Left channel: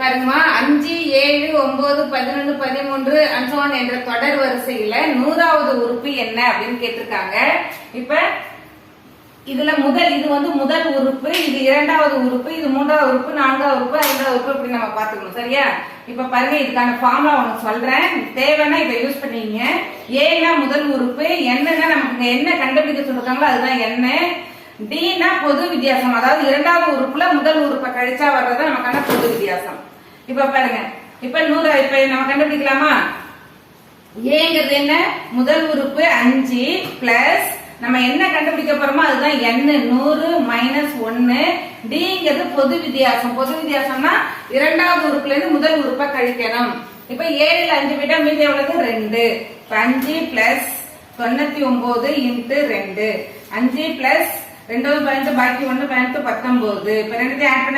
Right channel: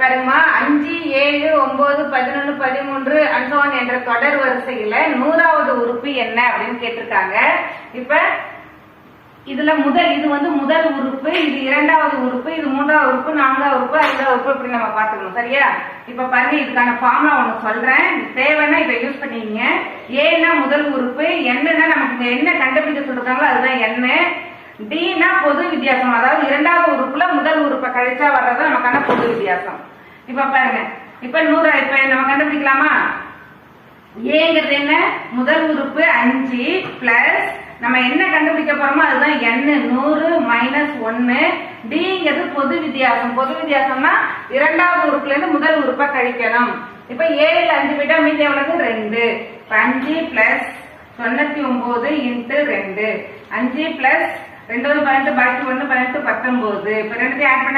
பாருங்கம்மா 5, 7, 9, 11, 13 அன்சோன் என்ற தொடர் வரிசையில 100வது உறுப்பு என்ன அப்படின்னு கேட்டிருக்காங்க. இப்ப இதுல இது வந்து முதல் உறுப்பு, இது இரண்டாவது உறுப்பு, இது மூன்றாவது உறுப்பு, நான்காவது உறுப்பு, ஐந்தாவது உறுப்பு இப்படி நம்ம பாத்துக்கணும். சரியா? இப்ப பாருங்க, இதுக்கான ஃபார்முலா ஒன்று சொல்றேன், தேவைன்னா இதை யூஸ் பண்ணீங்க. ஏன்னா முதல் உறுப்பு, என்னன்னா நமக்கு என்ன கண்டுபிடிக்க சொல்றாங்களோ அதுதான் என்ன. டினா பொது வித்தியாசம், அதாவது இரண்டாவது உறுப்புல முதல் உறுப்பை கழிச்சா வர்றது நமக்கான பொது வித்தியாசம். இப்ப பாருங்க, இப்ப 100 இப்ப நம்ம கண்டுபிடிக்கலாமா? ஏங்கிறது என்ன? முதல் உறுப்பு 5 பிளஸ் நம்ம என்ன கண்டுபிடிக்க போறோமோ அதுதான் n 100 மைனஸ் 1. டிங்கிறது பொது வித்தியாசம். பொது வித்தியாசம்னா இரண்டாவது உறுப்புல இருந்து முதல் உறுப்பை கழிக்கணும். இப்ப 7ல் 5 விட்டா மீதி எவ்வளவு? 2. 5 பிளஸ் 99 இன்ட்டு 2. 5 பிளஸ் 2 18 பாக்கி 1 18 19. இப்ப ரெண்டுத்தையும் ஆட் பண்ண